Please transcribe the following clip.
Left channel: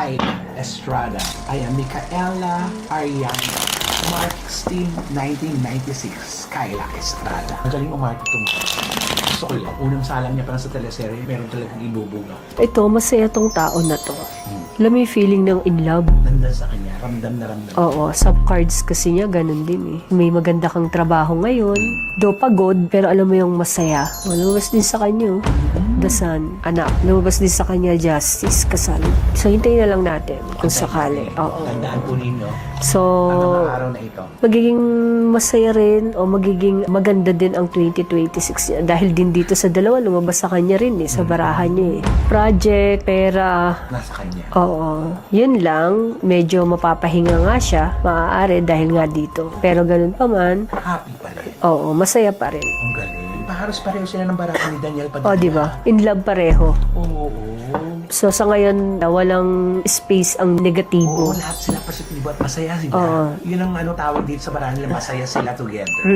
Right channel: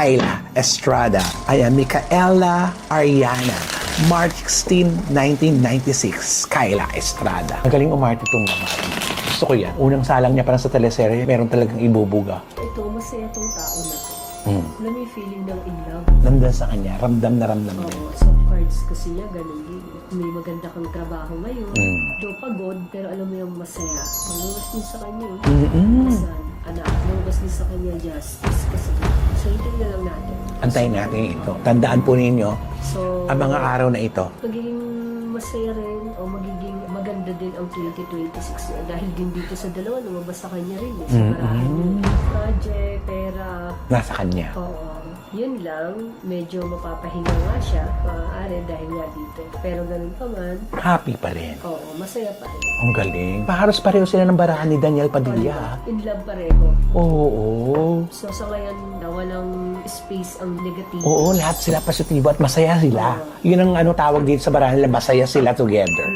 Kyla Estrada. Ayan, Micaela Ariana. March 16, 1996. Kyla Estrada. Magaling umarte itong gusto ko yan. Unang salang niya parang sa teleserye, meron talagang ibubuga. Ito, masaya tong tao na to. Alam mo yung feeling ng in love? Nandun sa kanya, ramdam na ramdam. Oo, sa cards kasi niya, ganun din eh. May maganda kang trabaho ngayon, do pagod, pero alam mo yung masaya. Lumabas din sa kanya, dasan, anak. Lumabas din sa kanya, justice, kasal. So, hintayin na lang natin. Kung Antayin sakali. natin. Oo. Tandaan po ninyo, So, ang mga araw na ito. magiging masaya rin o magiging maganda din ang 2026 niya. Dahil din dito sa dalawa, lumabas sa kanya rin eh, sa barahan niya eh. Project, pera, Nasa kanya. oo. Yun lang, medyo mapapahinga nga siya, maaari dahil nga dito. Pero ganun pa man, Happy pa rin. oo, masaya pa rin. Ang galing. Halos pareho sila ng barahan ni Daniel Padilla. O, di ba? In love pareho. Oo. So, sa ngayon, walang space ang negatibo. Oo, lahat sila positibo at masaya sila. Oo. Yun ang tawag dito sa barahan nila, masaya sila together.